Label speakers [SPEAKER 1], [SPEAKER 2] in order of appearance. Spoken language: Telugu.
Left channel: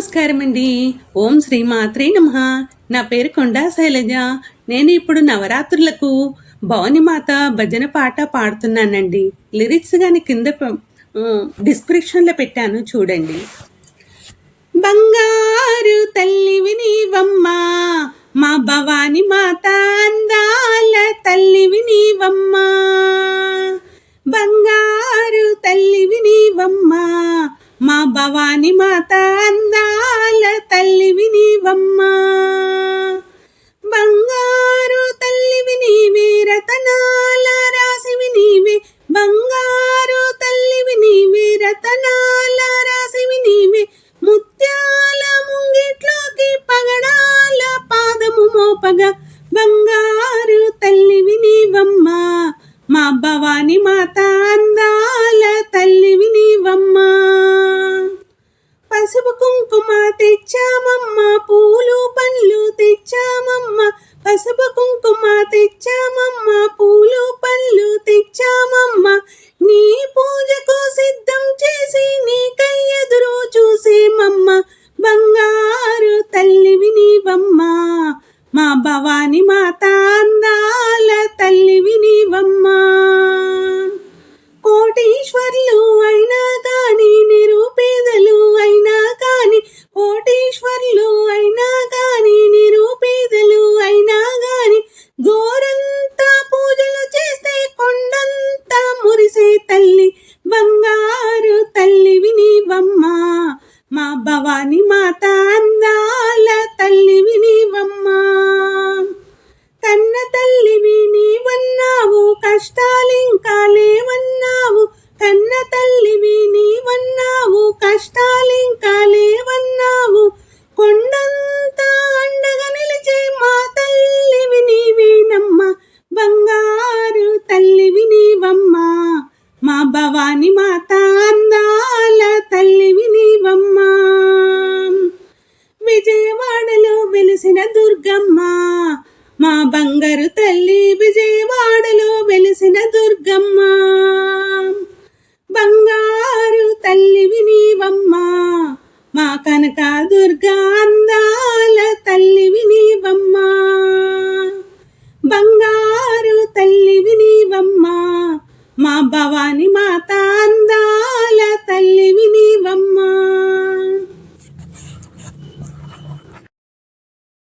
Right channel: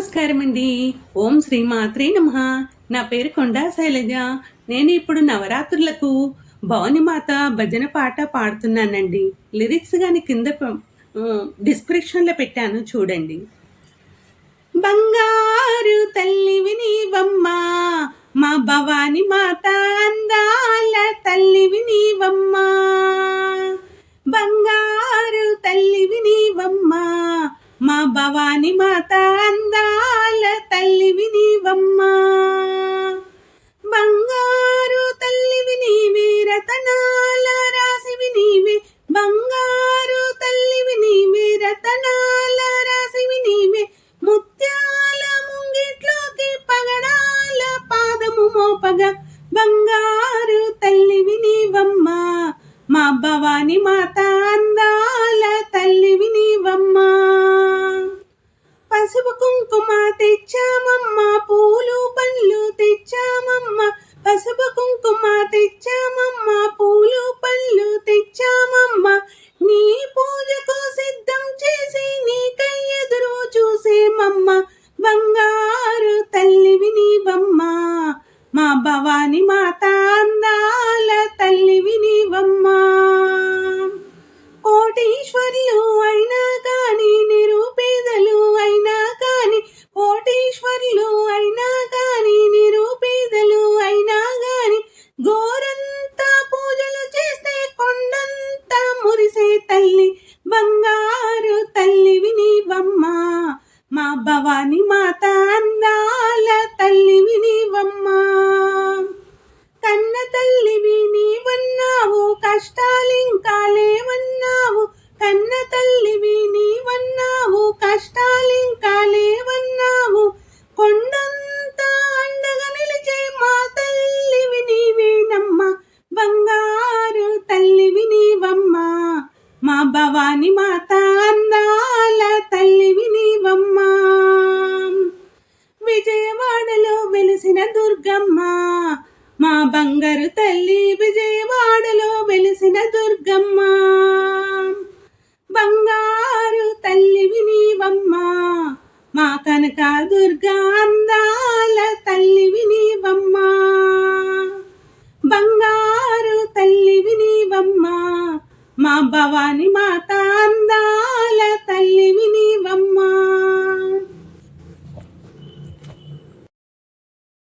[SPEAKER 1] నమస్కారం అండి. ఓం శ్రీ మాత్రే నమ. నా పేరు కొండా శైలజ. నేను ఇప్పుడు నవరాత్రులకు భవాని మాత భజన పాట పాడుతున్నానండి. లిరిక్స్ కానీ కింద డిస్క్రిప్షన్లో పెట్టాను చూడండి. బంగారు తల్లివి నీవమ్మ మా భవాని మాత మోపగా బంగారు తల్లివి నీవమ్మ. మా భవాని మాత భవాని మాత అందాల తల్లివి వినివమ్మా. కోటీశ్వర్లు అయినా కాని నిరుపేదలు అయినా కాని కోటీశ్వర్లు అయినా కాని నిరుపేదలు అయినా కాని గోరంతా పూజలు చేస్తే కొండంతా మురిసే తల్లి బంగారు తల్లివి నీవమ్మ మా భవాని మాత తల్లివి నీవన్నావు కష్టాలింకా లేవన్నావు. కొండంతా అండగా నిలిచే మా తల్లివి నీవేనమ్మ బంగారు తల్లివి నీవమ్మ మా భవాని మాత అందాల తల్లివి నీవమ్మ విజయవాడలో వెలిసిన దుర్గమ్మ. మా బంగారు తల్లి విజయ మా భవాని మాత